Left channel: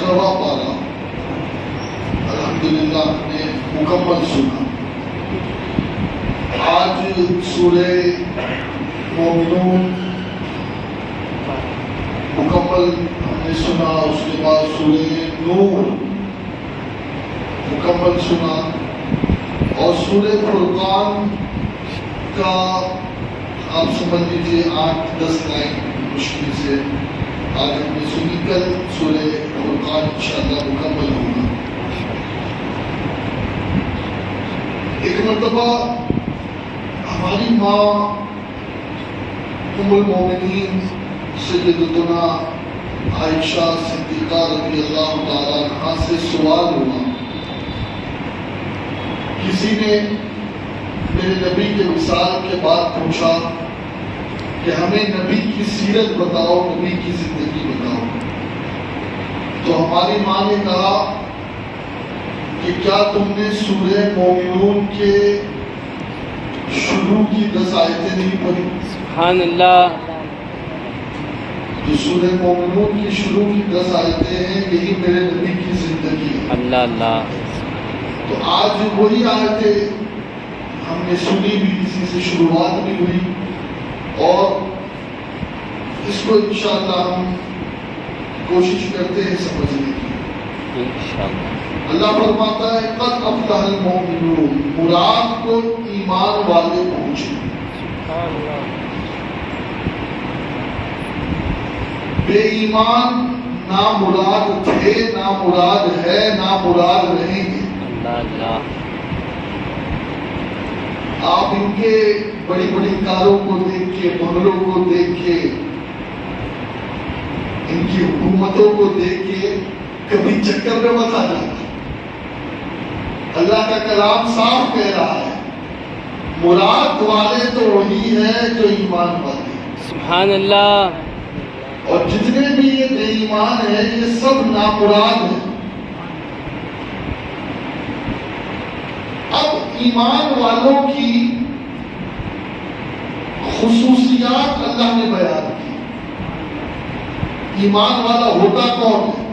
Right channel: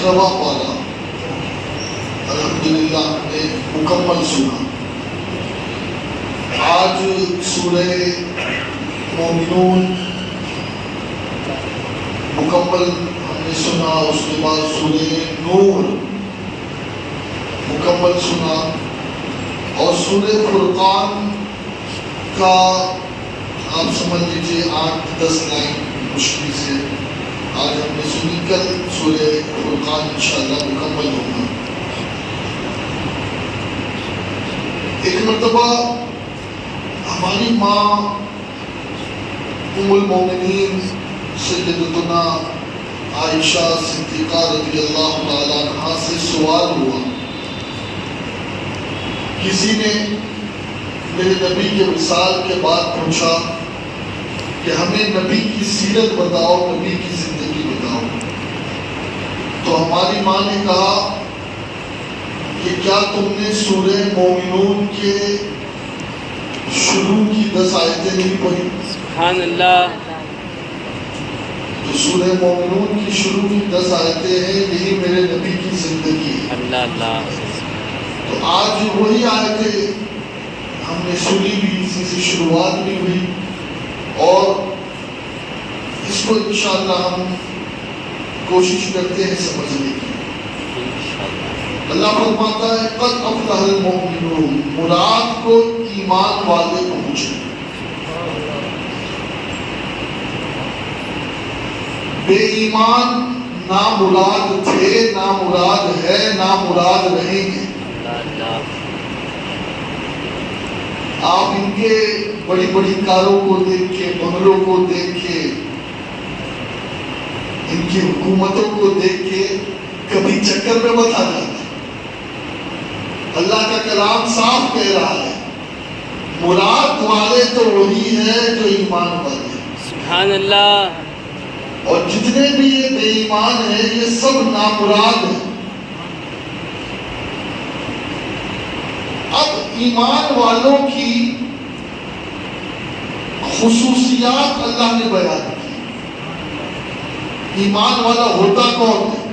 18واں پارہ الحمدللہ ہم نے مکمل سنا. آج سورہ مومنون مکمل ہم نے سنا. اس کے بعد سورہ نور مکمل سنا اور سورہ فرقان کا آپ سمجھ لیجیے 8-10 لائن مشکل سے آج ہم نے سنی. کل سورہ فرقان انشاءاللہ مکمل ہوگا. ایک مرتبہ ہماری ماں ام المومنین سیدتنا عائشہ صدیقہ رضی اللہ تعالیٰ عنہا سے سوال ہوا. کسی نے میرے نبی کے وصال کے بعد پوچھا کہ ہمیں نبی کی سیرت بتاؤ, نبی کی زندگی بتاؤ. تو ہماری ماں نے کہا کہ کیا تم نے سورہ مومنون کے شروع کی 10 آیتیں نہیں پڑھی؟ سبحان اللہ. تو سورہ مومنون کی شروع کی 10 آیتیں ہیں, یہی میرے نبی کی زندگی ہے. اللہ اللہ. تو آج وہی آیتیں ہم نے سنی بھی, اسی سے شروعات بھی ہوئی اور اس کو انشاءاللہ ہم کوشش کرتے ہیں سمجھنے کی. اللہ فرماتا ہے قد افلح المؤمنون, مراد کو ایمان والے پہنچے. بے ایمان نامراد تھے, نامراد ہے, نامراد رہیں گے. آپ ان کے بڑی بڑی کاروں کو دیکھ کے, بنگلوں کو دیکھ کے, ان کی حکومتوں کو دیکھ کے کبھی چکر میں مت آ جاتا. اللہ کا کلام صاف کہہ رہا ہے مراد والے تو وہی ہے جو ایمان والے. سبحان اللہ. اور جتنے بھی یہ بے ایمان ہے یہ سب نامراد ہیں. اب ایمان والوں کی خصوصیات اللہ نے بیان کی. ایمان والا ہوتا کون ہے؟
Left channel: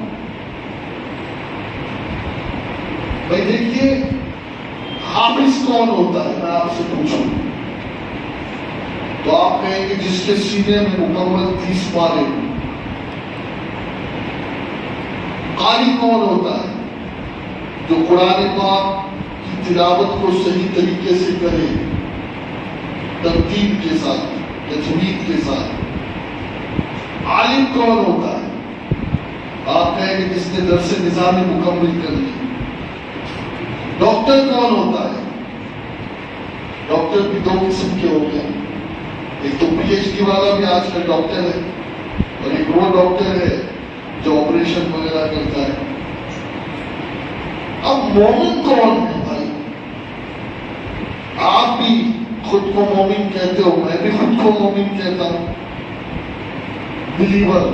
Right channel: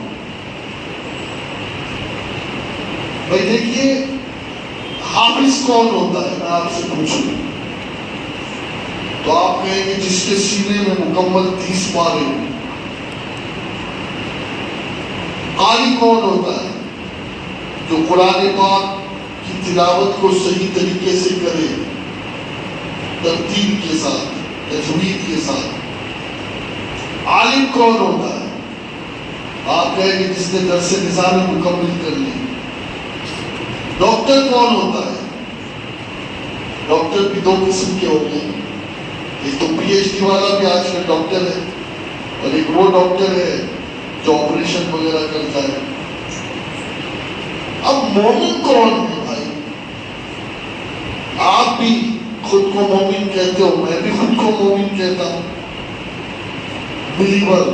بھائی دیکھیے, حافظ کون ہوتا ہے؟ میں آپ سے پوچھوں تو آپ کہیں گے جس کے سینے میں مکمل 30 پارے. قاری کون ہوتا ہے؟ جو قرآن پاک کی تلاوت کو صحیح طریقے سے کرے, ترتیب کے ساتھ, تجوید کے ساتھ. عالم کون ہوتا ہے؟ آپ کہیں گے جس نے درس نظامی مکمل کر لی. ڈاکٹر کون ہوتا ہے؟ ڈاکٹر بھی 2 قسم کے ہو گئے. ایک تو پی ایچ ڈی والا بھی آج کل ڈاکٹر ہے اور ایک وہ ڈاکٹر ہے جو آپریشن وغیرہ کرتا ہے. اب مومن کون ہے بھائی؟ آپ بھی خود کو مومن کہتے ہو, میں بھی خود کو مومن کہتا ہوں, بلیور.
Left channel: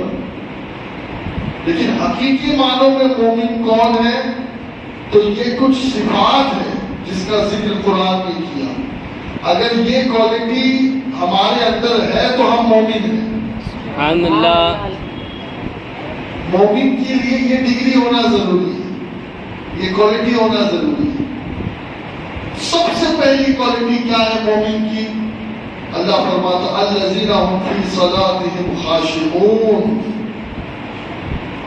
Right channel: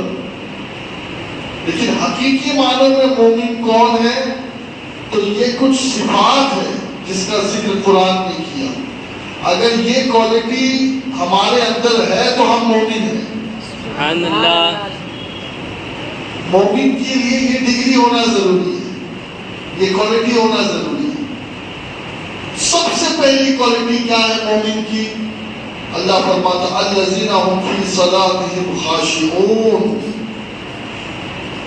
لیکن حقیقی معنوں میں مومن کون ہے؟ تو یہ کچھ صفات ہے جس کا ذکر قرآن نے کیا. اگر یہ کوالٹی ہمارے اندر ہے تو ہم مومن ہیں. سبحان اللہ. مومن کے لیے یہ ڈگری ہونا ضروری ہے, یہ کوالٹی ہونا ضروری ہے. سب سے پہلی کوالٹی کیا ہے مومن کی؟ اللہ فرماتا الذین هم فی صلاتهم خاشعون,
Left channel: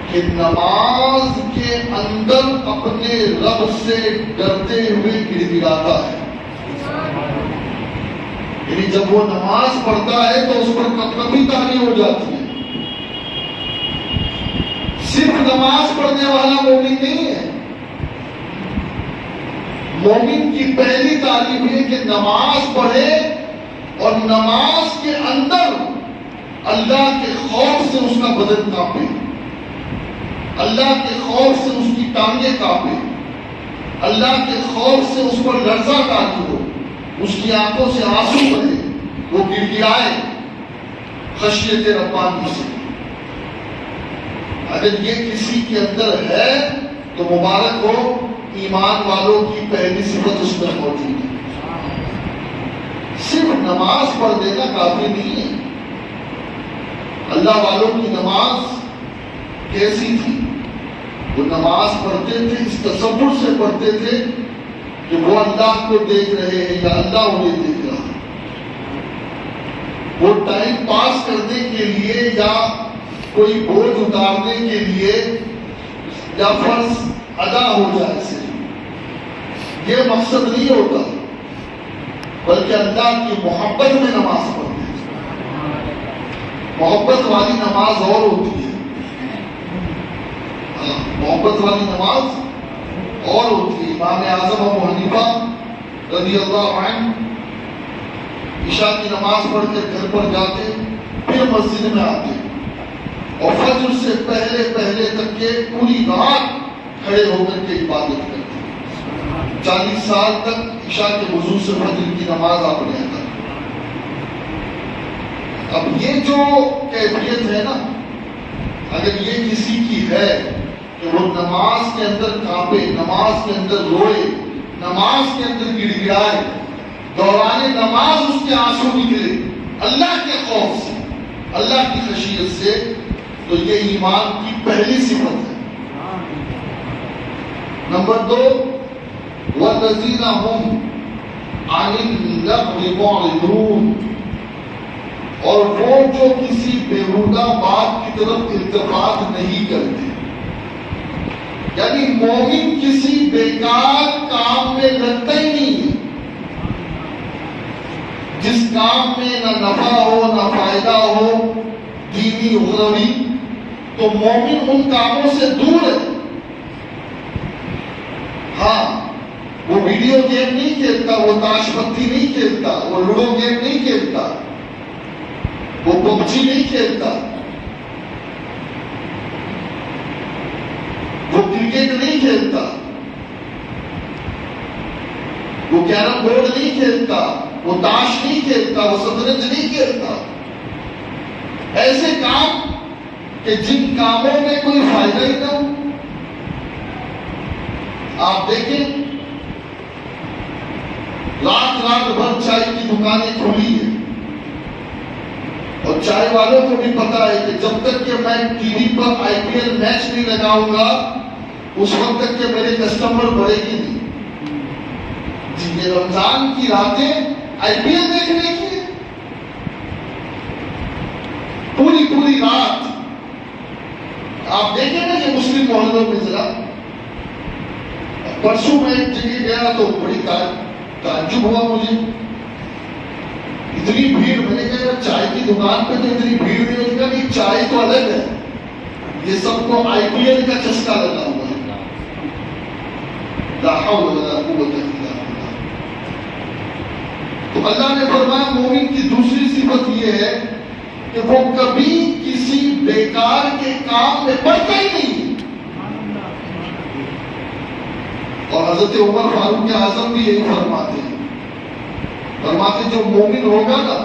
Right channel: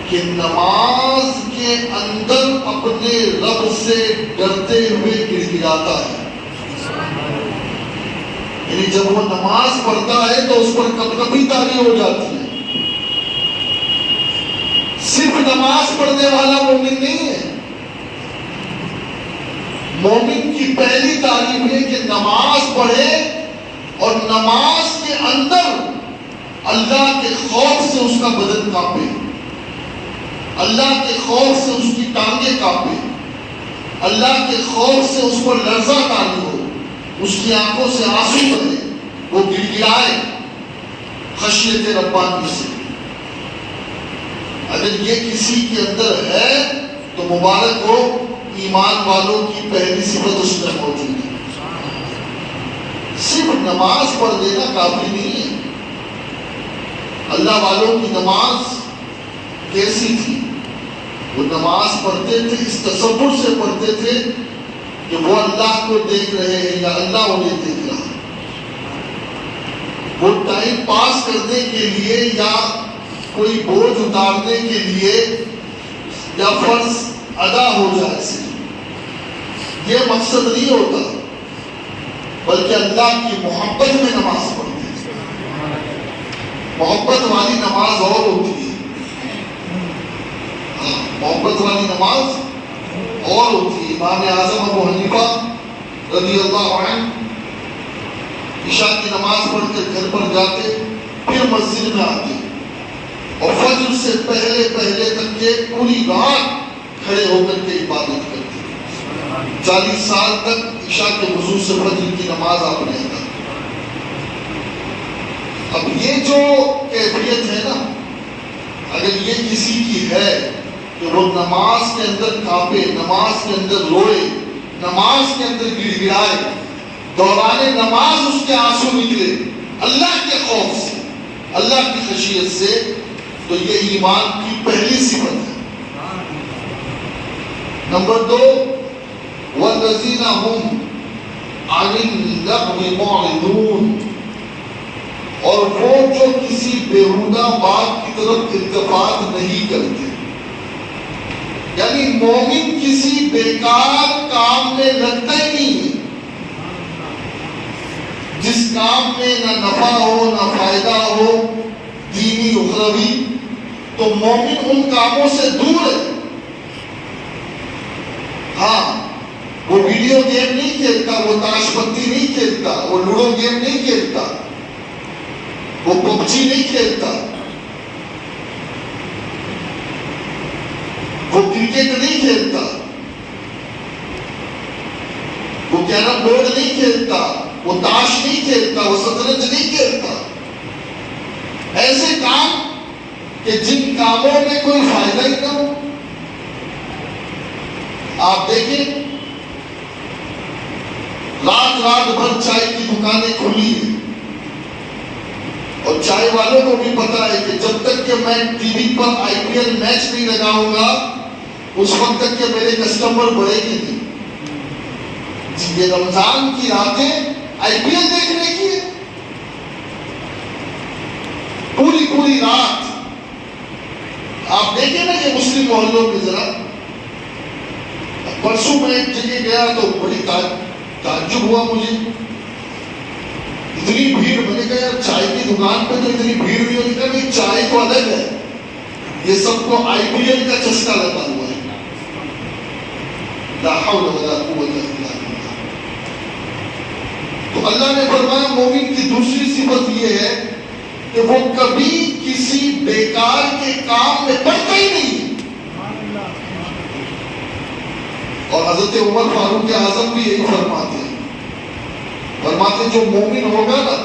کہ نماز کے اندر اپنے رب سے ڈرتے ہوئے گڑ گڑاتا ہے. یعنی جب وہ نماز پڑھتا ہے تو اس پر کبھی تاری ہو جاتی ہے. صرف نماز پڑھنے والا مومن نہیں ہے. مومن کی پہلی تعلیم ہے کہ نماز پڑھے اور نماز کے اندر اللہ کے خوف سے اس کا بدن کانپے, اللہ کے خوف سے اس کی ٹانگیں کانپے, اللہ کے خوف سے اس پر لرزہ تاری ہو, اس کی آنکھوں سے آنسو بہے, وہ گڑ گڑائے خشیت ربانی سے. اگر یہ کسی کے اندر ہے تو مبارک ہو, ایمان والوں کی پہلی صفت اس میں موجود ہے. صرف نماز پڑھ دینا کافی نہیں ہے. اللہ والوں کی نماز کیسی تھی؟ وہ نماز پڑھتے تھے اس تصور سے پڑھتے تھے کہ وہ اللہ کو دیکھ رہے ہیں یا اللہ انہیں دیکھ رہا ہے. وہ ٹائم پاس کرنے کے لیے یا کوئی بوجھ اتارنے کے لیے یا فرض ادا ہو جائے سے یہ مقصد نہیں ہوتا، بلکہ اللہ کی محبت میں نماز پڑھتے ہیں. محبت والی نماز اور ہوتی ہے، محبت والی نماز اور ہوتی ہے. امام اعظم ابو حنیفہ رضی اللہ عنہ عشاء کی نماز پڑھ کر گھر پر جاتے، پھر مسجد میں آتے اور فجر سے پہلے تک کے پوری رات کھڑے ہو کر کے عبادت کرتے. 40 سال تک عشاء کے وضو سے فجر کی نماز آپ نے ادا کی. اب یہ جو کیفیت ہے نا، اگر یہ کسی کی ہے کہ وہ نماز کے اندر کانپے، نماز کے اندر روئے، نماز کے اندر گڑ گڑائے، دوران نماز اس کے آنسو نکلے اللہ کے خوف سے، اللہ کی خشیت سے، تو یہ ایمان کی پہلی صفت ہے. نمبر 2، وَالَّذِينَ هُمْ عَنِ اللَّغْوِ مُعْرِضُونَ، اور وہ جو کسی بیہودہ بات کی طرف التفات نہیں کرتے. یعنی مومن کسی بیکار کام میں لگتا ہی نہیں ہے. جس کام میں نہ نفع ہو نہ فائدہ ہو دینی اخروی، تو مومن ان کاموں سے دور ہے. ہاں، وہ ویڈیو گیم نہیں کھیلتا، وہ تاش پتی نہیں کھیلتا، وہ لوڈو گیم نہیں کھیلتا، وہ پب جی نہیں کھیلتا، وہ کرکٹ نہیں کھیلتا، وہ کیرم بورڈ نہیں کھیلتا، وہ تاش نہیں کھیلتا، وہ شطرنج نہیں کھیلتا. ایسے کام کہ جن کاموں میں کوئی فائدہ ہی نہ ہو. آپ دیکھیں، رات بھر چائے کی دکانیں کھلی ہیں اور چائے والوں کو بھی پتا ہے کہ جب تک کہ میں ٹی وی پر IPL میچ نہیں لگاؤں گا اس وقت تک کہ میرے کسٹمر بڑھے گی نہیں. جی، یہ رمضان کی راتیں IPL دیکھنے کی پوری رات. آپ دیکھیں نا یہ مسلم محلوں میں ذرا. پرسوں میں ایک جگہ گیا تو بڑی تعجب ہوا مجھے، اتنی بھیڑ. میں نے کہا یار چائے کی دکان پہ تو اتنی بھیڑ نہیں ہوتی. کہا کہ چائے تو الگ ہے، یہ سب کو IPL کا چسکا لگا ہوا ہے. لا حول ولا قوت الا باللہ. تو اللہ نے فرمایا مومن کی دوسری صفت یہ ہے کہ وہ کبھی کسی بیکار کے کام میں پڑتا ہی نہیں. اور حضرت عمر فاروق اعظم بھی یہی فرماتے ہیں، جو مومن ہوگا نا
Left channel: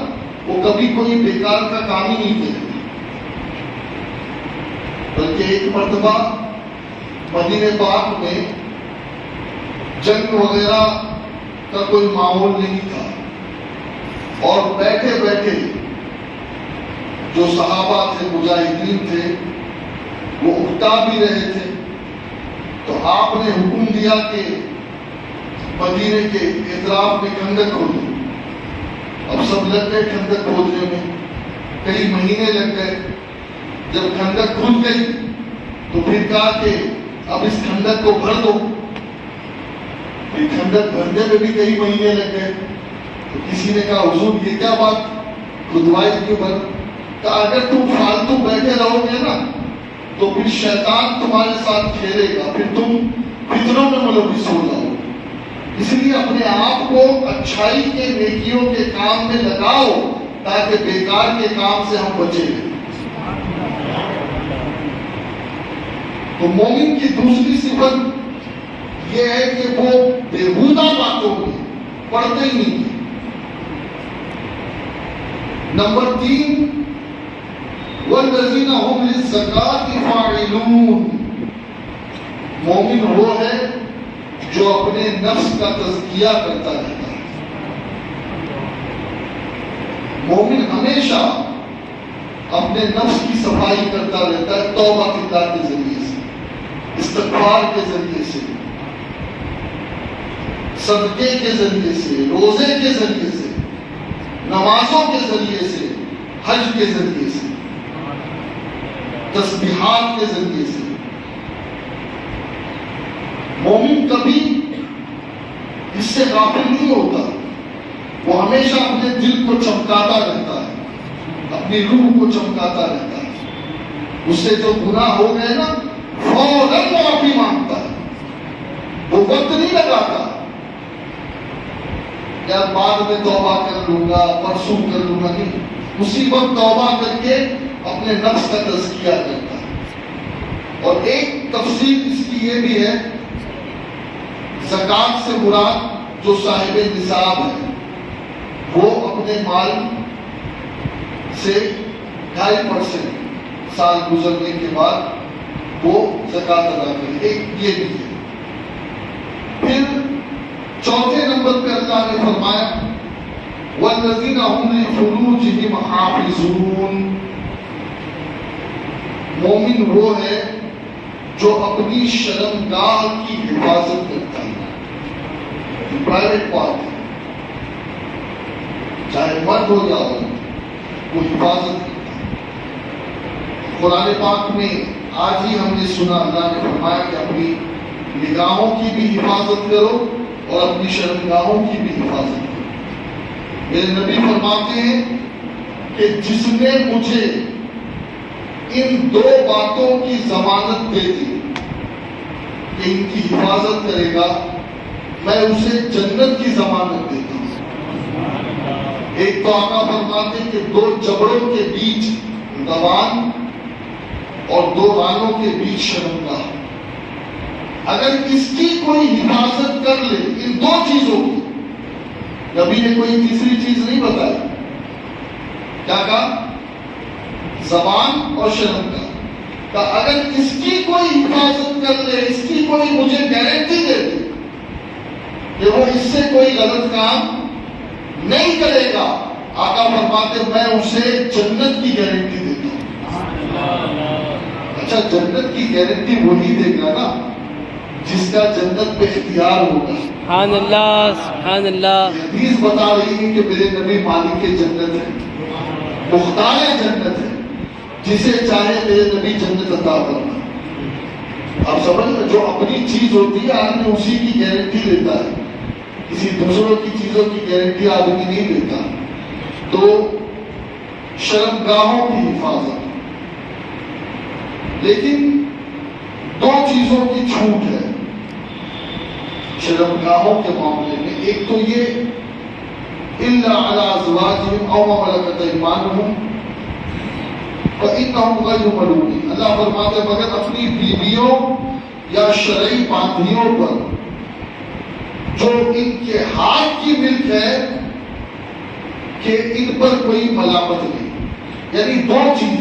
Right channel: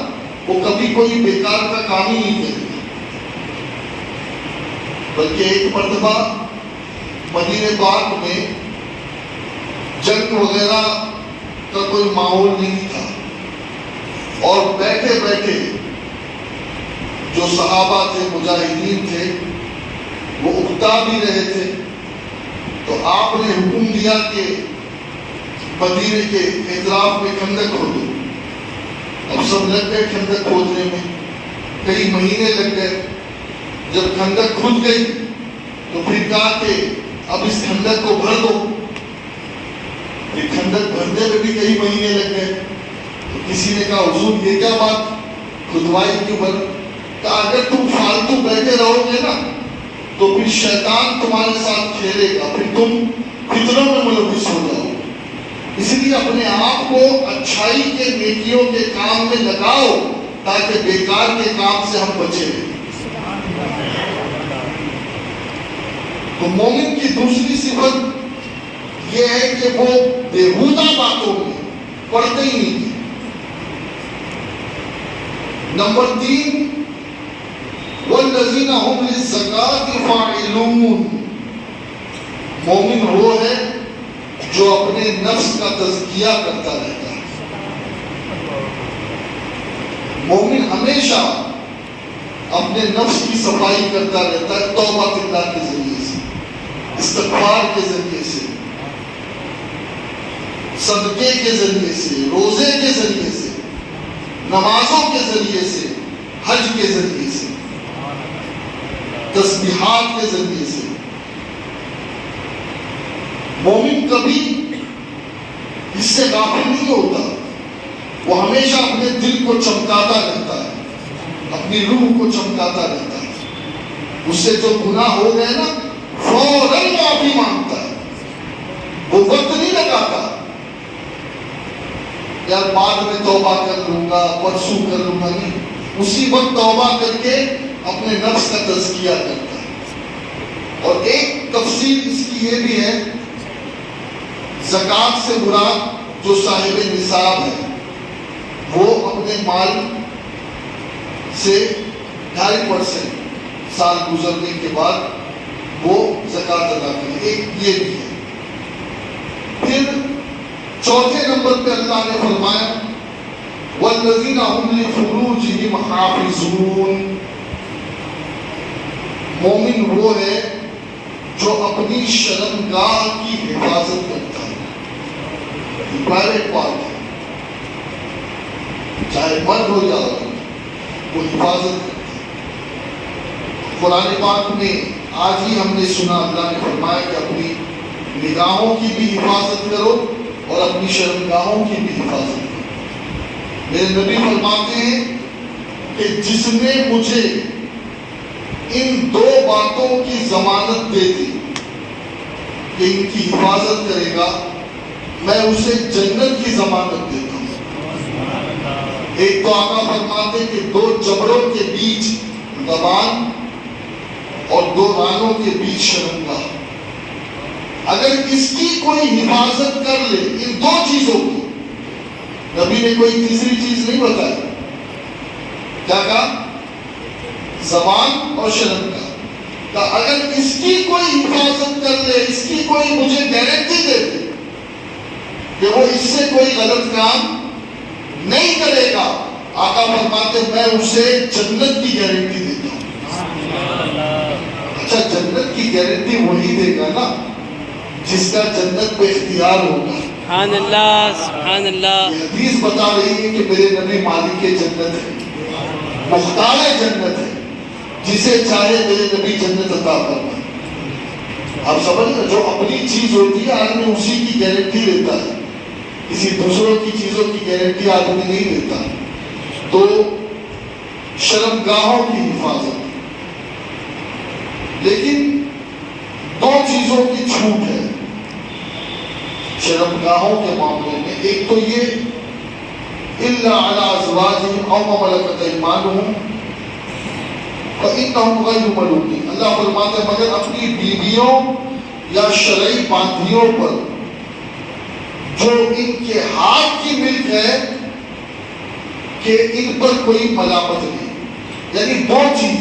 وہ کبھی کوئی بیکار کا کام ہی نہیں کرے گا. بلکہ ایک مرتبہ مدینہ پاک میں جنگ وغیرہ کا کوئی ماحول نہیں تھا اور بیٹھے بیٹھے جو صحابہ تھے، مجاہدین تھے، وہ اکتا بھی رہے تھے. تو آپ نے حکم دیا کہ مدینے کے اطراف میں خندق کھودو. اب سب لگ گئے خندق کھودنے میں، کئی مہینے لگ گئے. جب خندق کھود گئی تو پھر کہا کہ اب اس خندق کو بھر دو. پھر خندق بھرنے میں بھی کئی مہینے لگ گئے. تو کسی نے کہا حضور یہ کیا بات، کھدوائی کیوں بھر؟ کہ اگر تم فالتو بیٹھے رہو گے نا تو پھر شیطان تمہارے ساتھ کھیلے گا، پھر تم فتنوں میں ملوث ہو جاؤ. اس لیے اپنے آپ کو اچھائی کے نیکیوں کے کام میں لگاؤ تاکہ بیکار کے کام سے ہم بچے رہیں. تو مومن کی دوسری صفت یہ ہے کہ وہ بےہودہ باتوں میں پڑتے ہی نہیں. نمبر 3، وَالَّذِينَ هُمْ لِلزَّكَاةِ فَاعِلُونَ. مومن وہ ہے جو اپنے نفس کا تزکیہ کرتا رہتا ہے. مومن ہمیشہ اپنے نفس کی صفائی کرتا رہتا ہے توبہ اللہ کے ذریعے سے، استغفار کے ذریعے سے، صدقے کے ذریعے سے، روزے کے ذریعے سے، نمازوں کے ذریعے سے، حج کے ذریعے سے، تسبیحات کے ذریعے سے۔ مومن کبھی اس سے غافل نہیں ہوتا، وہ ہمیشہ اپنے دل کو چمکاتا رہتا ہے، اپنی روح کو چمکاتا رہتا ہے۔ اس سے جو گناہ ہو گئے نا فوراً معافی مانگتا ہے، وہ وقت نہیں لگاتا یار بعد میں توبہ کر لوں گا، پرسوں کر لوں گا، نہیں، اسی وقت توبہ کر کے اپنے نفس کا تزکیہ کرتا ہے۔ اور ایک تفصیل اس کی یہ بھی ہے، زکوٰۃ سے مراد جو صاحب نصاب ہے وہ اپنے مال سے 2.5% سال گزرنے کے بعد وہ زکوٰۃ ادا کرے، ایک یہ بھی ہے۔ پھر چوتھے نمبر پہ اللہ نے فرمایا وَالَّذِينَ هُمْ لِفُرُوجِهِمْ حَافِظُونَ، مومن وہ ہے جو اپنی شرمگاہ کی حفاظت کرتا ہے، پرائیویٹ پارٹ ہے، چاہے مرد ہو یا عورت، وہ حفاظت کرتا ہے۔ قرآن پاک میں آج ہی ہم نے سنا اللہ نے فرمایا کہ اپنی نگاہوں کی بھی حفاظت کرو اور اپنی شرمگاہوں کی بھی حفاظت کرو۔ میرے نبی فرماتے ہیں کہ جس نے مجھے ان 2 باتوں کی ضمانت دے دی کہ ان کی حفاظت کرے گا، میں اسے جنت کی ضمانت دیتا ہوں۔ ایک تو آقا فرماتے ہیں کہ 2 جبڑوں کے بیچ زبان اور 2 رانوں کے بیچ شرمگاہ، اگر اس کی کوئی حفاظت کر لے، ان 2 چیزوں کی، نبی نے کوئی تیسری چیز نہیں بتائی، کیا کہا؟ زبان اور شرمگاہ، کہ اگر اس کی کوئی حفاظت کر لے، اس کی کوئی مجھے گارنٹی دے دے کہ وہ اس سے کوئی غلط کام نہیں کرے گا، آقا فرماتے میں اسے جنت کی گارنٹی دیتا ہوں۔ اچھا، جنت کی گارنٹی وہی دے گا نا جس کا جنت پہ اختیار ہوگا۔ سبحان اللہ، سبحان اللہ۔ حدیث بتا رہی ہے کہ میرے نبی مالک جنت ہے، مختار جنت ہے، جسے چاہے میرے نبی جنت عطا کرنا۔ آپ سمجھ رہے، جو اپنی چیز ہوتی ہے آدمی اسی کی گارنٹی لیتا ہے، کسی دوسروں کی چیزوں کی گارنٹی آدمی نہیں لیتا۔ تو شرمگاہوں کی حفاظت، لیکن 2 چیزوں کی چھوٹ ہے شرمگاہوں کے معاملے میں۔ ایک تو یہ إِلَّا عَلَىٰ أَزْوَاجِهِمْ أَوْ مَا مَلَكَتْ أَيْمَانُهُمْ فَإِنَّهُمْ غَيْرُ مَلُومِينَ، اللہ فرماتے ہیں مگر اپنی بیویوں یا شرعی باندھیوں پر جو ان کے ہاتھ کی ملک ہے کہ ان پر کوئی ملامت نہیں۔ یعنی 2 چیز،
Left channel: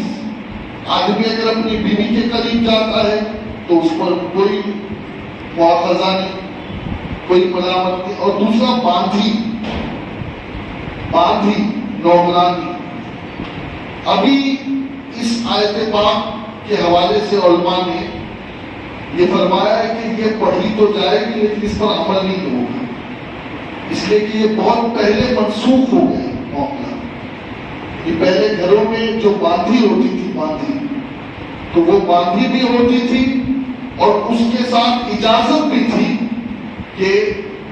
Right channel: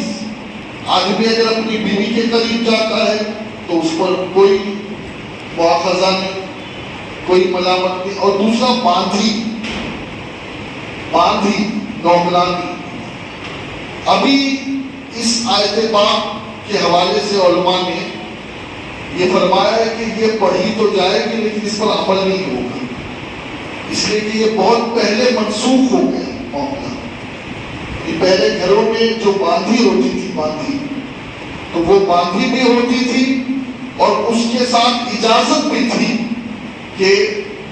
آدمی اگر اپنی بیوی کے قریب جاتا ہے تو اس پر کوئی مواخذہ نہیں، کوئی ملامت نہیں، اور دوسرا باندھی نوکرانی۔ ابھی اس آیت پاک کے حوالے سے علماء نے یہ فرمایا ہے کہ یہ پڑھی تو جائے گی لیکن اس پر عمل نہیں ہوگا، اس لیے کہ یہ بہت پہلے منسوخ ہو گیا معاملہ۔ یہ پہلے گھروں میں جو باندھی ہوتی تھی، باندھی تو وہ باندھی بھی ہوتی تھی اور اس کے ساتھ اجازت بھی تھی کہ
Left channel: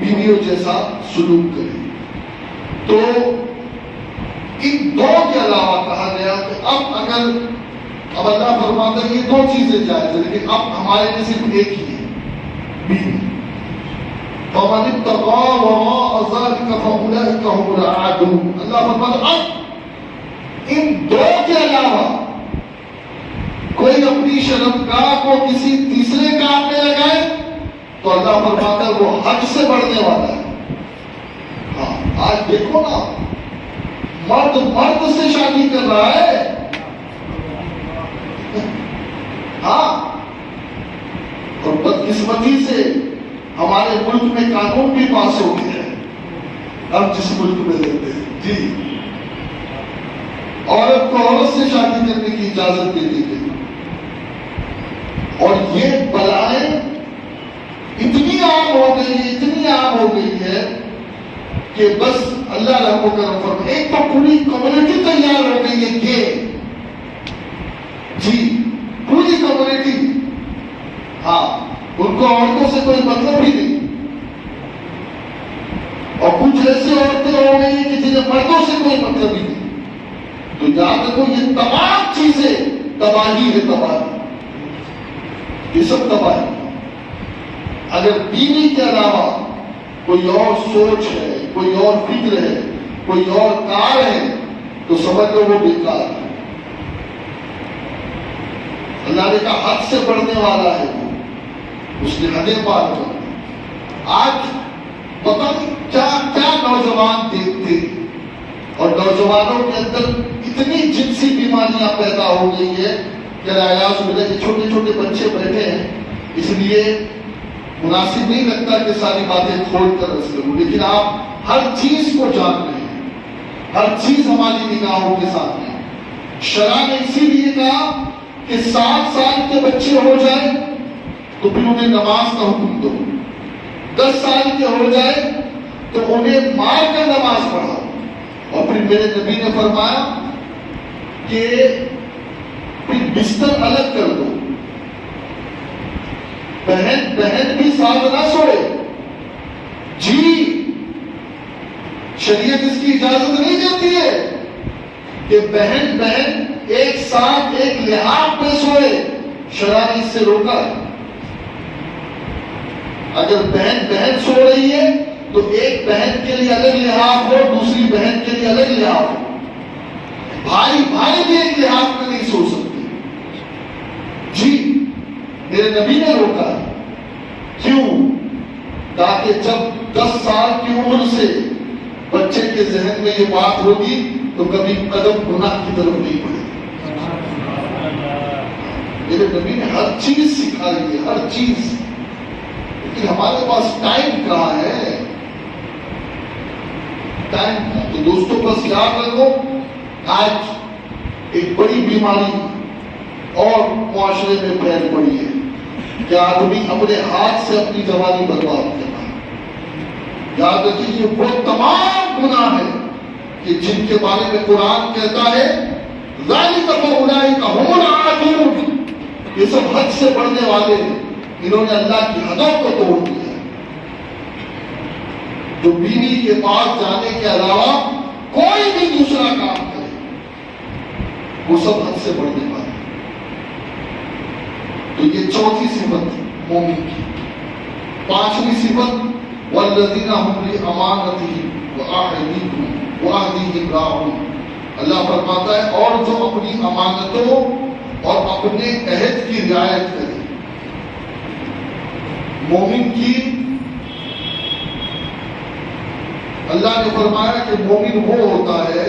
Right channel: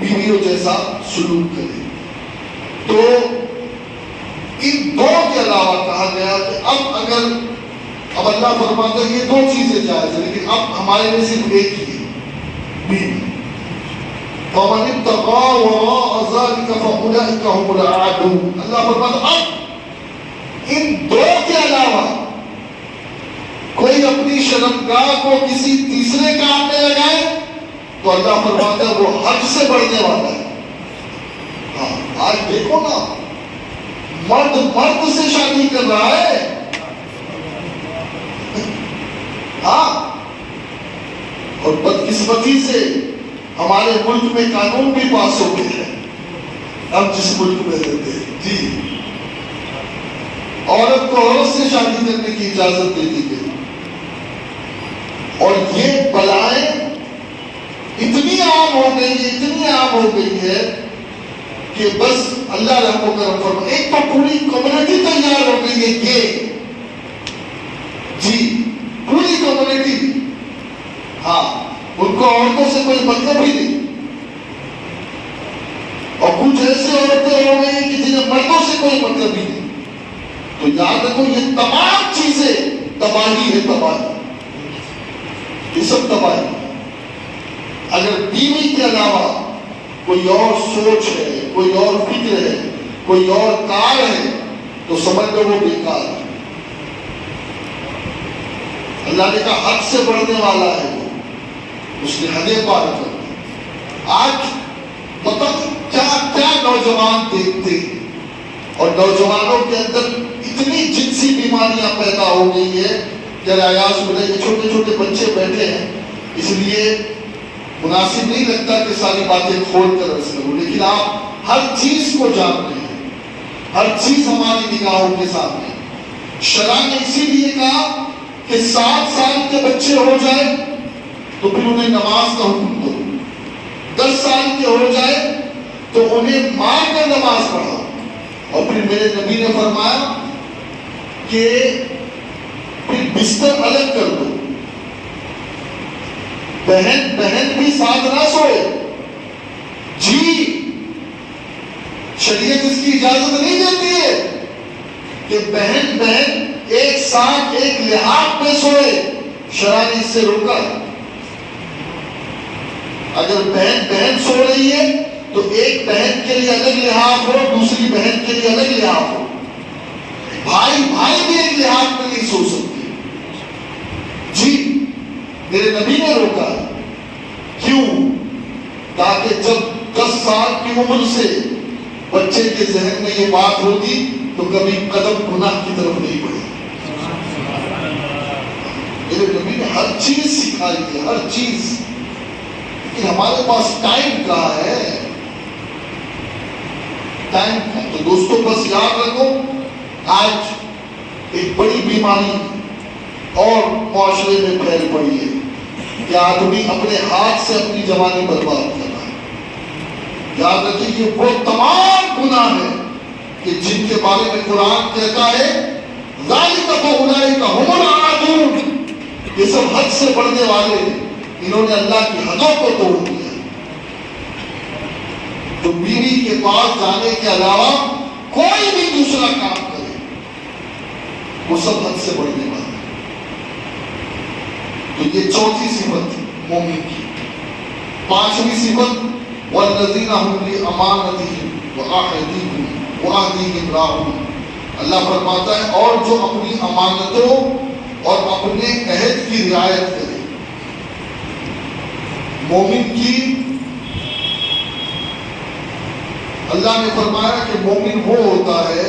بیویوں جیسا سلوک کرے۔ تو ان 2 کے علاوہ کہا گیا کہ اب اللہ فرماتا ہے یہ 2 چیزیں جائز ہیں، لیکن اب ہمارے میں صرف ایک ہی ہے، بیوی۔ فَمَنِ اتَّقَىٰ وَرَاءَ ذَلِكَ فَأُولَٰئِكَ هُمُ الْعَادُونَ، اللہ فرماتا اب ان 2 کے علاوہ کوئی اپنی شرمگاہ کو کسی تیسرے کام میں لگائے تو اللہ فرماتا ہے وہ حد سے بڑھنے والا ہے۔ ہاں، آج دیکھو نا، مرد سے شادی کر رہا ہے، ہاں، اور بدقسمتی سے ہمارے ملک میں قانون بھی پاس ہو گیا ہے، ہم جس ملک میں رہتے ہیں، جی، عورت کو عورت سے شادی کرنے کی اجازت دے دی گئی، اور یہ بلائیں کہ بس اللہ رحم و کرم فرمائے. ایک تو پوری کمیونٹی تیار ہو گئی ہے کہ جی پوری کمیونٹی، ہاں ان کو عورتوں سے کوئی مطلب ہی نہیں. اور کچھ ایسے عورتیں ہو گئی کہ جنہیں مردوں سے کوئی مطلب ہی نہیں. تو یاد رکھو یہ تمام چیزیں تباہی ہے، تباہی، یہ سب تباہی. اگر بیوی کے علاوہ کوئی اور سوچ ہے، کوئی اور فکر ہے، کوئی اور کار ہے تو سمجھ لو وہ بیکار ہے. اللہ نے کہا حد سے بڑھنے والا ہے وہ، اس نے حدیں پار کر دی. آج پتہ کیا کیا نوجوان دیکھتے، اور نوجوانوں کے اندر اتنی جنسی بیماریاں پیدا ہو گئی ہے کہ آیاز ہو جائے. چھوٹے چھوٹے بچے بیٹھے ہیں، اس لیے مناسب نہیں لگتا کہ ساری باتیں کھول کر رس کروں، لیکن آپ ہر چیز کو جانتے ہیں، ہر چیز ہماری نگاہوں کے سامنے. شرع نے اسی لیے کہا کہ 7 سال کے بچے ہو جائیں تو پھر انہیں نماز کا حکم دو، 10 سال کے ہو جائے تو انہیں مار کر نماز پڑھاؤ. اور پھر میرے نبی نے فرمایا کہ پھر بستر الگ کر دو، بہن بھی ساتھ نہ سوئے. جی شریعت اس کی اجازت نہیں دیتی ہے کہ بہن ایک ساتھ ایک لحاظ میں سوئے. شرع نے اس سے روکا. اگر بہن سو رہی ہے تو ایک بہن کے لیے الگ لحاظ ہو، دوسری بہن کے لیے الگ لحاظ ہو. بھائی بھی ایک لحاظ میں نہیں سو سکتے. جی میرے نبی نے روکا ہے. کیوں؟ تاکہ جب 10 سال کی عمر سے بچے کے ذہن میں یہ بات ہوگی تو کبھی قدم گناہ کی طرف نہیں بڑھے. میرے نبی نے ہر چیز سکھائی ہے، ہر چیز. لیکن ہمارے پاس ٹائم کہاں ہے؟ ٹائم کا. تو دوستوں بس یاد رکھو، آج ایک بڑی بیماری اور معاشرے میں پھیل پڑی ہے کہ آدمی اپنے ہاتھ سے اپنی جوانی برباد کر رہا ہے. یاد رکھیے کہ وہ تمام گناہ ہیں کہ جن کے بارے میں قرآن کہتا ہے ذالک فاولئک ھم العادون، یہ سب حد سے بڑھنے والے ہیں، انہوں نے اللہ کی حدوں کو توڑ دیا. جو بیوی کے پاس جانے کے علاوہ کوئی بھی دوسرا کام کرے وہ سب حد سے بڑھنے والا. تو یہ چوتھی صفت مومن کی. 5ویں صفت والذین هم بأمانتهم وعهدهم راعون. اللہ فرماتا ہے اور جو اپنی امانتوں اور اپنے عہد کی رعایت کرے. مومن کی اللہ نے فرمایا کہ مومن وہ ہوتا ہے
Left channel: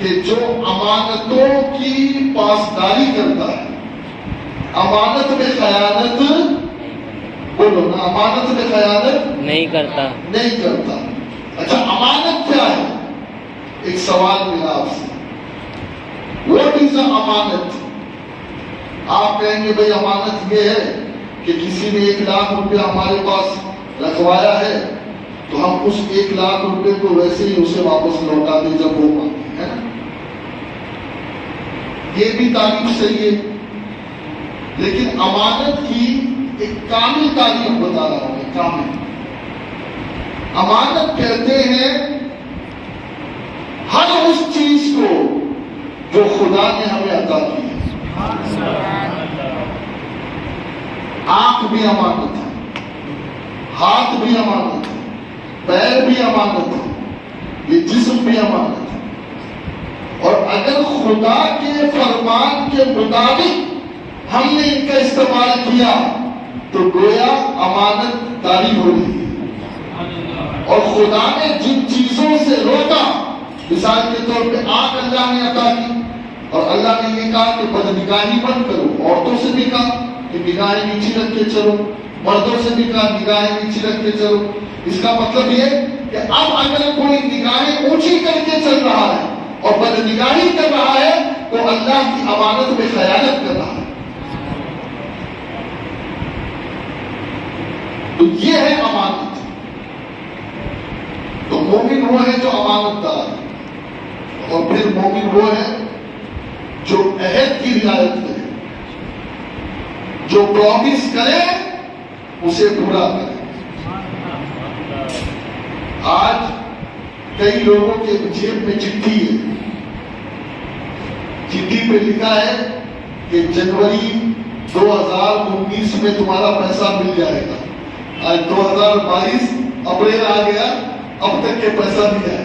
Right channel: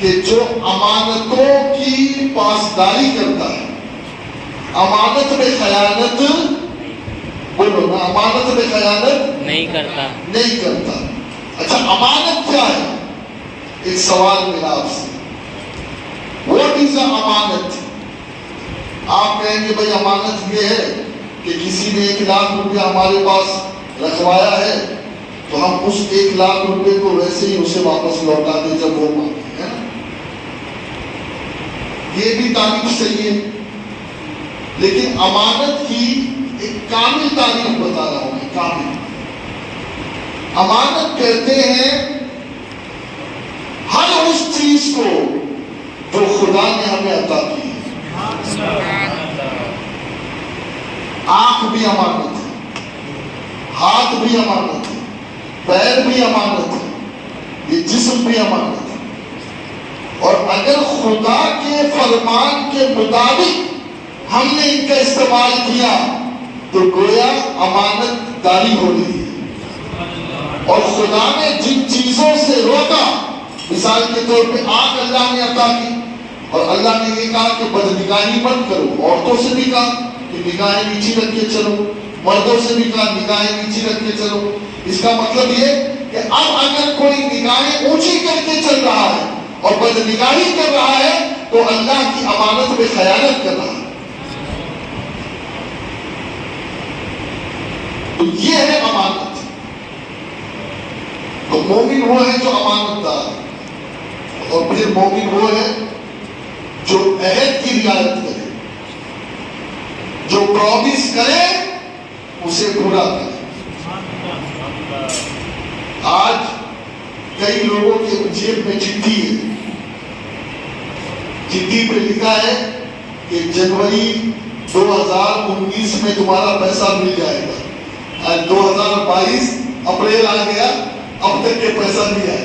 کہ جو امانتوں کی پاسداری کرتا ہے. امانت میں خیانت، بولو نا، امانت میں خیانت نہیں کرتا. اچھا امانت کیا ہے؟ ایک سوال میرا آپ سے، واٹ از اے امانت؟ آپ کہیں گے بھائی امانت یہ ہے کہ کسی نے 1 لاکھ روپیہ ہمارے پاس رکھوایا ہے تو ہم اس 1 لاکھ روپے کو ویسے ہی اسے واپس لوٹا دیں جب وہ مانگے. یہ بھی تعریف صحیح ہے، لیکن امانت کی ایک کامل تعریف بتا رہا ہوں. کامل امانت کہتے ہیں ہر اس چیز کو جو خدا نے ہمیں عطا کی ہے. آنکھ بھی امانت ہے، ہاتھ بھی امانت ہے، پیر بھی امانت ہے، یہ جسم بھی امانت ہے. اور اگر خدا کے فرمان کے مطابق ہم نے ان کا استعمال کیا تو گویا امانت داری ہو رہی ہے. اور خدا نے جن چیزوں سے روکا، مثال کے طور پہ آنکھ اللہ نے عطا کی اور اللہ نے یہ کہا کہ بدنگاہی مت کرو. عورتوں سے بھی کہا کہ نگاہیں نیچی رکھ کے چلو، مردوں سے بھی کہا نگاہیں نیچی رکھ کے چلو. اس کا مطلب یہ کہ اب اگر کوئی نگاہیں اونچی کر کے چل رہا ہے اور بدنگاہی کر رہا ہے تو اللہ کی امانت میں خیانت کر رہا ہے. تو یہ ہے امانت. تو مومن وہ ہے جو امانت دار ہے، اور پھر مومن وہ ہے جو عہد کی رعایت کرے، جو پرامیس کرے اسے پورا کرے۔ آج کئی لوگوں کے جیب میں چٹھی ہے، چٹھی پہ لکھا ہے کہ جنوری 2019 میں تمہارا پیسہ مل جائے گا، آج 2022 اپریل آ گیا، اب تک کے پیسہ نہیں آیا۔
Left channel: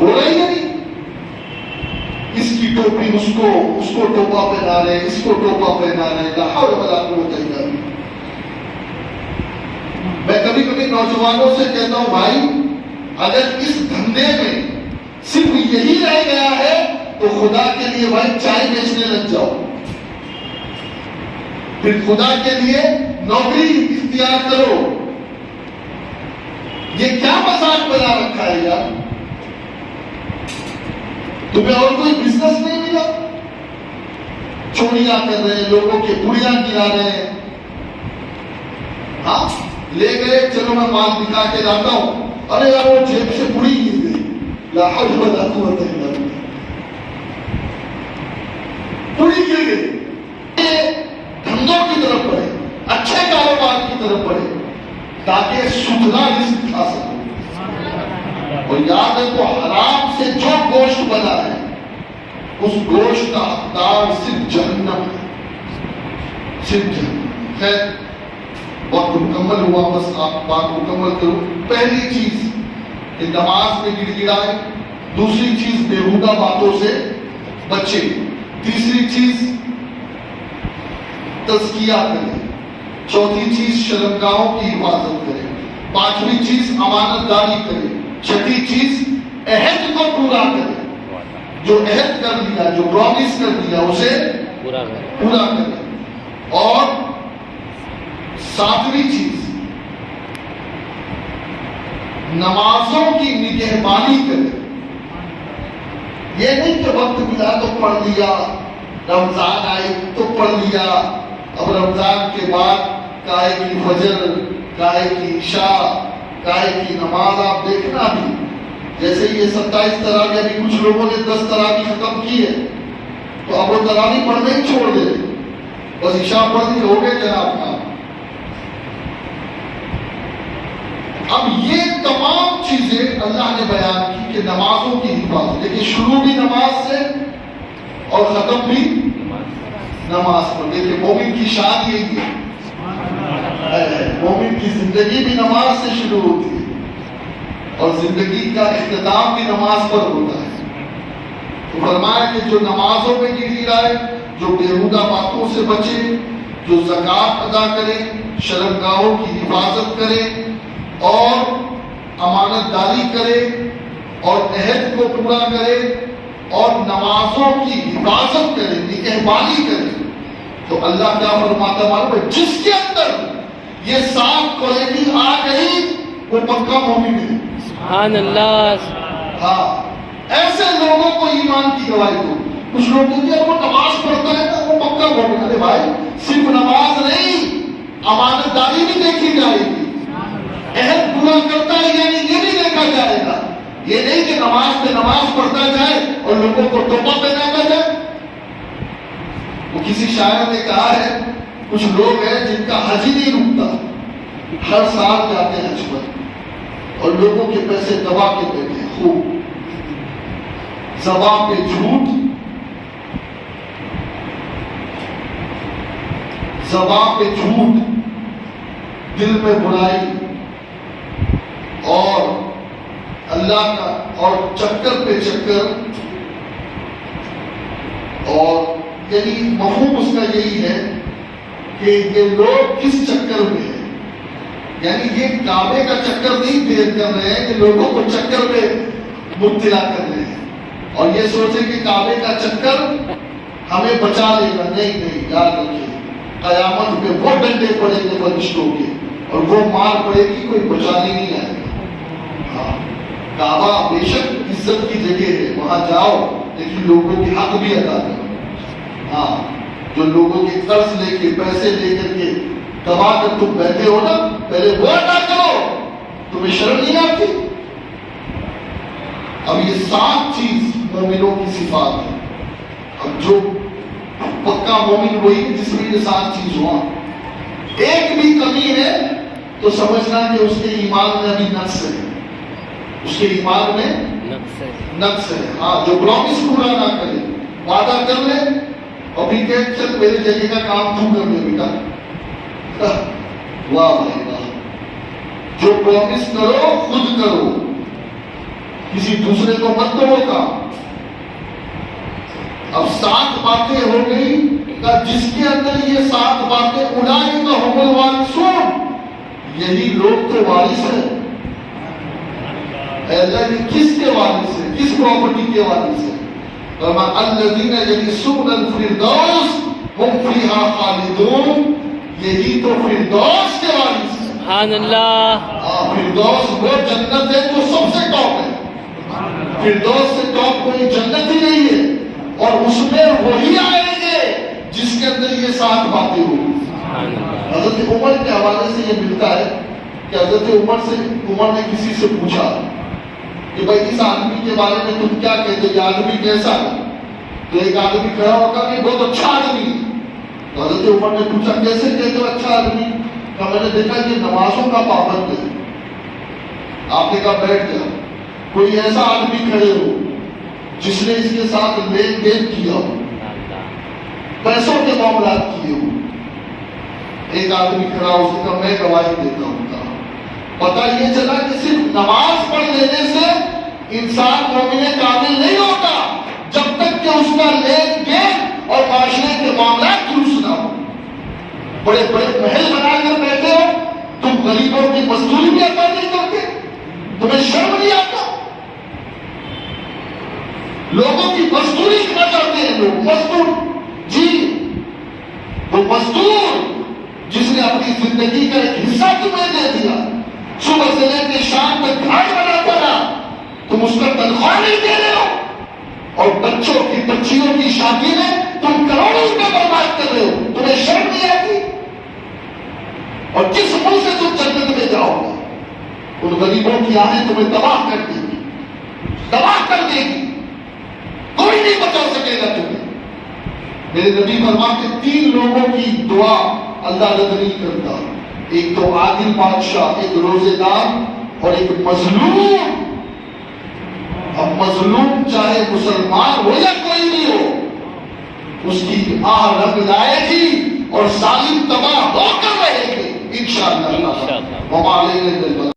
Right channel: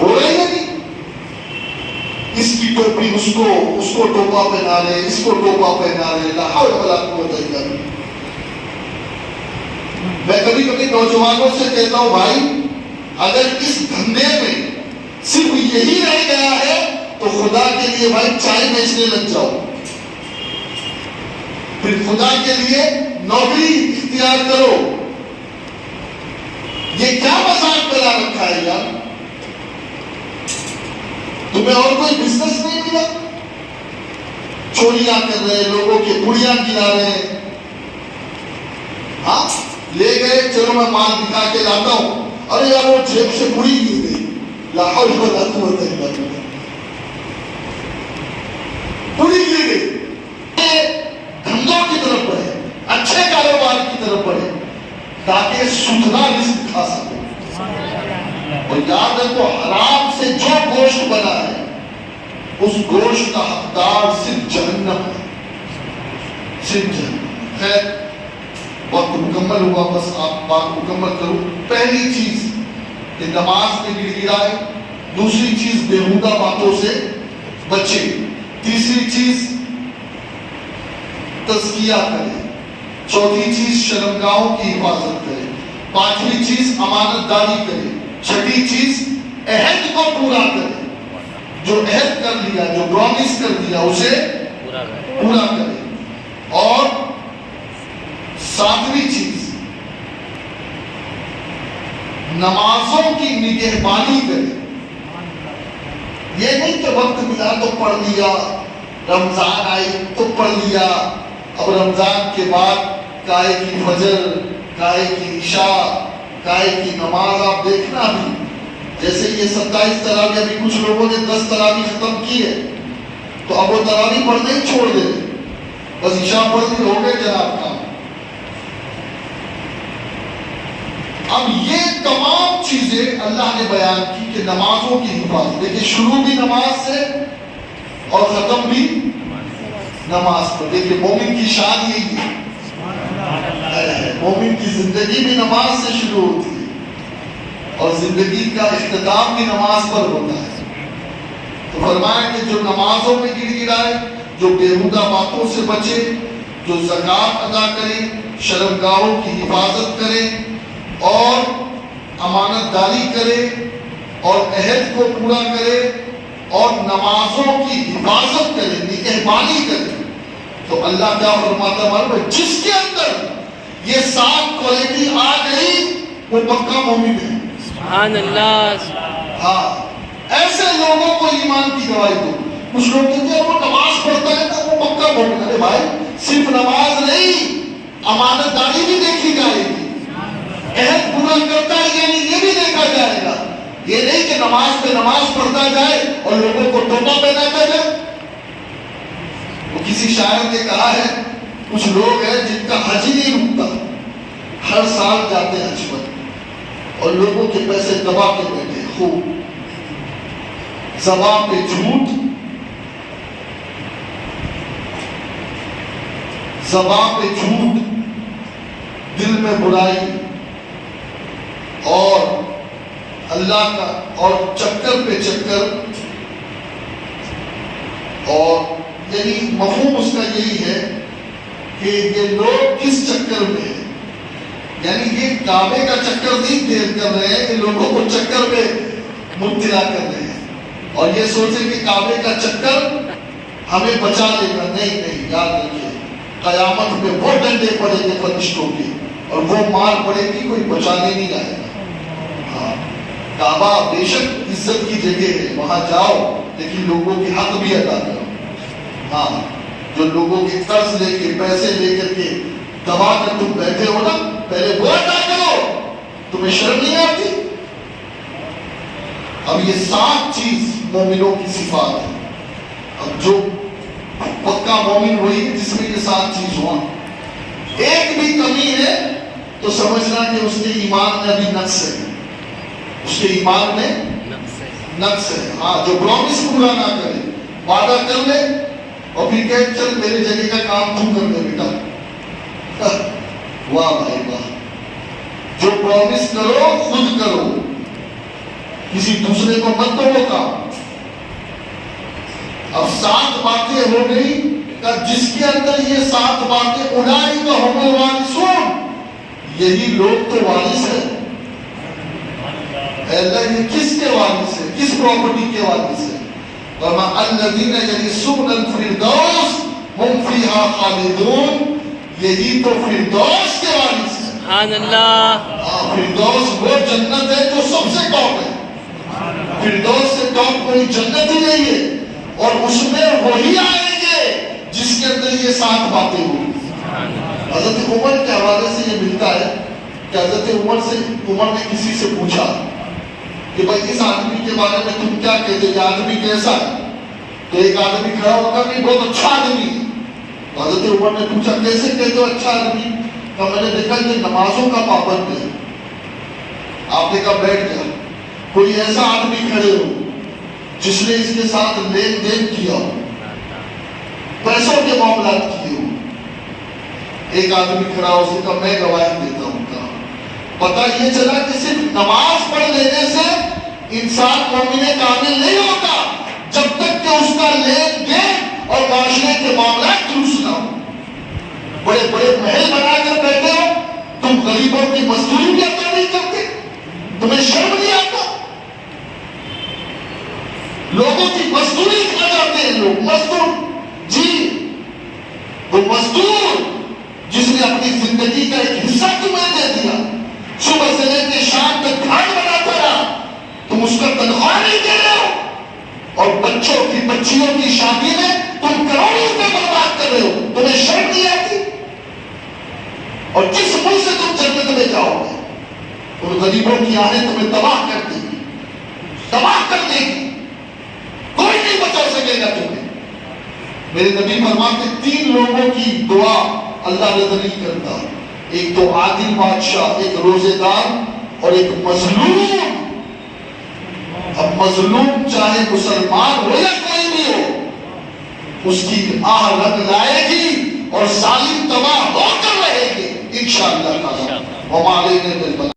ہو رہا ہی نہیں، اس کی ٹوپی اس کو ٹوپا پہنا رہے، اس کو ٹوپا پہنا رہے، لا حول ولا قوت الا باللہ۔ میں کبھی کبھی نوجوانوں سے کہتا ہوں بھائی اگر اس دھندے میں صرف یہی رہ گیا ہے تو خدا کے لیے بھائی چائے بیچنے لگ جاؤ، پھر خدا کے لیے نوکری اختیار کرو۔ یہ کیا مذاق بنا رکھا ہے یار؟ تمہیں اور کوئی بزنس نہیں ملا؟ چوریاں کر رہے ہیں، لوگوں کی گڑیاں گرا رہے ہیں، ہاں لے گئے چلو میں مال دکھا کے لاتا ہوں، ارے یار وہ جیب سے بڑی گر گئی، لا حول ولا قوت الا باللہ، بڑی گر گئی۔ یہ دھندوں کی طرف بڑھے، اچھے کاروبار کی طرف بڑھے تاکہ ستھرا رزق کھا سکو۔ تو یاد رکھو حرام سے جو گوشت بنا ہے اس گوشت کا حقدار صرف جہنم ہے، صرف جہنم۔ خیر وقت مکمل ہوا، بس آپ بات مکمل کرو۔ پہلی چیز کہ نماز میں گر گرائے، دوسری چیز بیہودہ باتوں سے بچے، تیسری چیز تزکیہ کرے، چوتھی چیز شرمگاہوں کی حفاظت کرے، پانچویں چیز امانت داری کرے، چھٹی چیز عہد کو پورا کرے، جو عہد کر لیا، جو پرامیس کر دیا اسے پورا کرے، اور ساتویں چیز نمازوں کی نگہبانی کرے۔ یہ نہیں کہ وقت ملا تو پڑھ لیا، رمضان آئے تو پڑھ لیا، اب رمضان کے بعد کائے کی فجر، کائے کی عشاء، کائے کی نماز آپ دیکھنا بھی، جیسے یہ 27 تراویح، ابھی کچھ لوگوں نے 10 تراویح ختم کی ہے تو اب وہ تراویح پڑھنے ہی چھوڑ دے، بس عشاء پڑھ دی ہو گئے جناب کا۔ اب یہ تمام چیزیں اللہ نے بیان کی کہ نمازوں کی حفاظت، دیکھیں شروع بھی نماز سے اور ختم بھی نماز پر۔ دیکھیں مومن کی شان یہی ہے، مومن کی زندگی بھی نماز سے شروع ہوتی ہے اور زندگی کا اختتام بھی نماز پر ہوتا ہے۔ تو فرمایا کہ جو نمازوں میں گر گرائے، جو بیہودہ باتوں سے بچے، جو زکوٰۃ ادا کرے، شرمگاہوں کی حفاظت کرے اور امانت داری کرے اور عہد کو پورا کرے اور نمازوں کی حفاظت کرے، نگہبانی کرے، تو اللہ کیا فرماتا ہے؟ جس کے اندر یہ 7 کوالٹی آ گئی وہ پکا مومن ہے۔ سبحان اللہ۔ ہاں ایسے لوگوں کو ایمان کی گواہی دو۔ کچھ لوگ کہتے ہیں وہ نماز پڑھتا ہے تو وہ پکا مومن ہے۔ بھائی صرف نماز نہیں، امانت داری بھی دیکھی جائے گی، عہد پورا کرتا ہے یعنی یہ بھی دیکھا جائے گا۔ یہ نہیں کہ نماز پہ نماز پڑھتا جائے اور لوگوں کو ٹوپا پہناتا جائے۔ وہ کسی شاعر نے کہا ہے کچھ لوگ ہیں جن کا حج ہی نہیں رکتا، ہر سال جاتے ہیں حج پر اور لوگوں کے پیسے دبا کے بیٹھے ہیں، خوب زبان پہ جھوٹ، زبان پہ جھوٹ، دل میں برائی اور اللہ کا اور چکر پہ چکر، اور یعنی مفہوم اس کا یہی ہے کہ یہ لوگ کس چکر میں ہیں، یعنی یہ کعبے کا چکر نہیں پھیر کر رہے ہیں کہ لوگوں کو چکر میں مبتلا کر رہے ہیں اور یہ سوچیں کہ کعبے کا چکر ہمیں بچا لے گا۔ نہیں، یاد رکھیے قیامت میں وہ ڈنڈے پڑے گے فرشتوں کے اور وہ مار پڑے گی، کوئی بچانے نہیں آئے گا۔ ہاں کعبہ بے شک عزت کی جگہ ہے، وہاں جاؤ لیکن لوگوں کے حق بھی ادا کرو۔ ہاں جو لوگوں کے قرض لے کے پیسے لے کر کے دبا کر تم بیٹھے ہو نا، پہلے وہ ادا کرو، تمہیں شرم نہیں آتی؟ اب یہ 7 چیز مومنوں کی صفات ہے. اب جو پکا مومن وہی ہے جس میں یہ 7 چیز ہوا. ایک بھی کمی ہے تو سمجھنا کہ اس کے ایمان میں ابھی نقص ہے. اس کے ایمان میں نقص ہے. ہاں جو پرومس پورا نہ کرے, وعدہ کر لے اور پھر کہ چل میرے جگہ کا کام تو کر لے بیٹا. واہ بھائی واہ. جو پرومس کرو خود کرو, کسی دوسرے کو مت دو وہ کام. اب 7 باتیں ہو گئی کہ جس کے اندر یہ 7 باتیں اولئک هم الوارثون, یہی لوگ تو وارث ہیں. اللہ یہ کس کے وارث ہے, کس پراپرٹی کے وارث ہے؟ فرمایا الذین یرثون الفردوس هم فیہا خالدون, یہی تو فردوس کے وارث ہیں. سبحان اللہ. فردوس وہ جنت ہے جو سب سے ٹاپ ہے. فردوس سے ٹاپ کوئی جنت ہی نہیں ہے, اور اس میں وہی آئیں گے جس کے اندر یہ 7 باتیں ہوں. حضرت عمر کے حوالے سے یہ ملتا ہے کہ حضرت عمر نے کسی سے پوچھا کہ بھائی اس آدمی کے بارے میں تم کیا کہتے ہو, یہ آدمی کیسا ہے؟ تو ایک آدمی کھڑا ہو کر کہ بہت اچھا آدمی ہے. حضرت عمر نے پوچھا کیسے کہتے ہو اچھا آدمی؟ تو میں نے دیکھا کہ نمازوں کا پابند ہے. آپ نے کہا بیٹھ جائے. کوئی ایسا آدمی کھڑے ہو جس نے اس کے ساتھ لین دین کیا ہو, پیسوں کے معاملات کیے ہو. ایک آدمی کھڑا ہو سکتا, میں گواہی دیتا ہوں. پتہ یہ چلا کہ صرف نماز پڑھ لینے سے انسان مومن کامل نہیں ہوتا جب تک کہ اس کا لین دین اور معاشرے کے معاملات درست نہ ہو. بڑے بڑے محل بنا کر بیٹھے ہو, تم غریبوں کی مزدوری بھی عطا نہیں کرتے, تمہیں شرم نہیں آتا. لوگوں کی مزدوری کھا جاتے ہیں لوگ. مزدور جی, وہ مزدور جس نے اپنی زندگی کا ایک حصہ تمہیں دے دیا, صبح سے لے کے شام تک گھر بناتا رہا, تم اس کا تنخواہ نہیں دے رہے ہو, اور بچوں کی بچیوں کی شادی میں تم کروڑوں روپے برباد کر رہے ہو. تمہیں شرم نہیں آتی؟ اور کس منہ سے تم جنت میں جاؤ گے؟ تو غریبوں کی آہیں تمہیں تباہ کر دے گی, تباہ کر دے گی. کوئی نہیں بچا سکے گا تمہیں. میرے نبی فرماتے 3 لوگوں کی دعا اللہ رد نہیں کرتا, ایک تو عادل بادشاہ, ایک روزے دار, اور ایک مظلوم. اب مظلوم چاہے مسلمان ہو یا کوئی بھی ہو, اس کی آہ رنگ لائے گی اور ظالم تباہ ہو کر رہے گے انشاءاللہ. وما علینا الا البلاغ.